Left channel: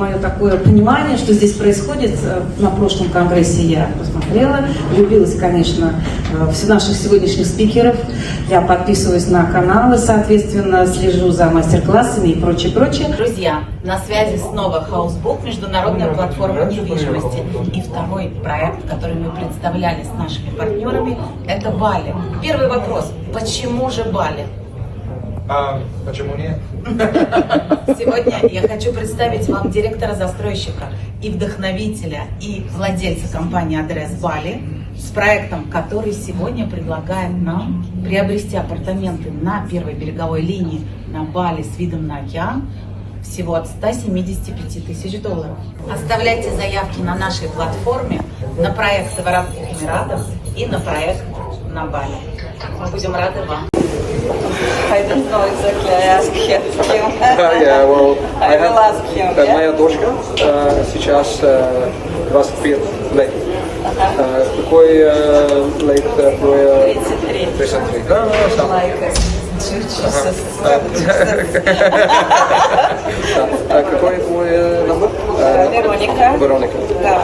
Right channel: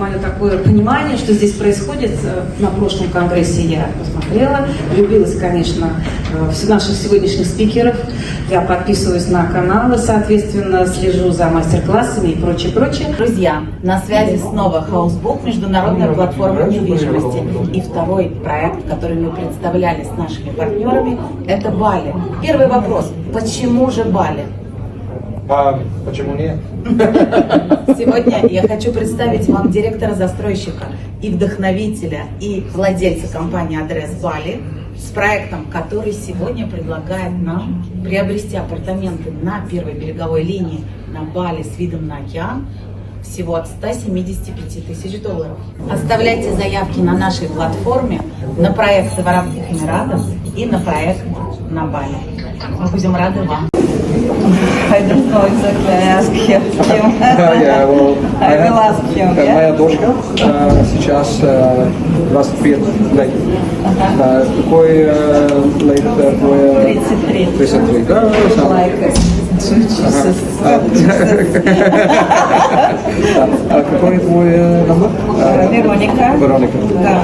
мое такое понимание, что здесь происходит. На прошлом конгрессе я посмотрела, влюбилась, конечно, в наших сегодняшних спикеров. Я подписываюсь на каналы, соответственно, слежу за мастер-классами и прочее. Друзья, на связи снова Хаусбук, международная платформа недвижимости. И второй проект, который мы представляли с нашими партнерами, это Бали. Первый вопрос. Почему же Бали? Почему нет? Сегодня я хочу представить вам директора-застройщика и вдохновителя, и владельца компании «Адрес Бали» с проектом, который сегодня предлагает нам приобрести апартаменты на первой береговой линии на Бали с видом на океан всего от 175 тысяч долларов. Оставляйте заявки на нашей платформе на проекты в Арабских Эмиратах и на проект на Бали. Мы будем рады вам. I don't know exactly. I ask him. I will ask him. Это моя дочка, сейчас 25 лет. Какой лет? 33. Да, Like а какой твой номер? Вероника. Вероника. Да.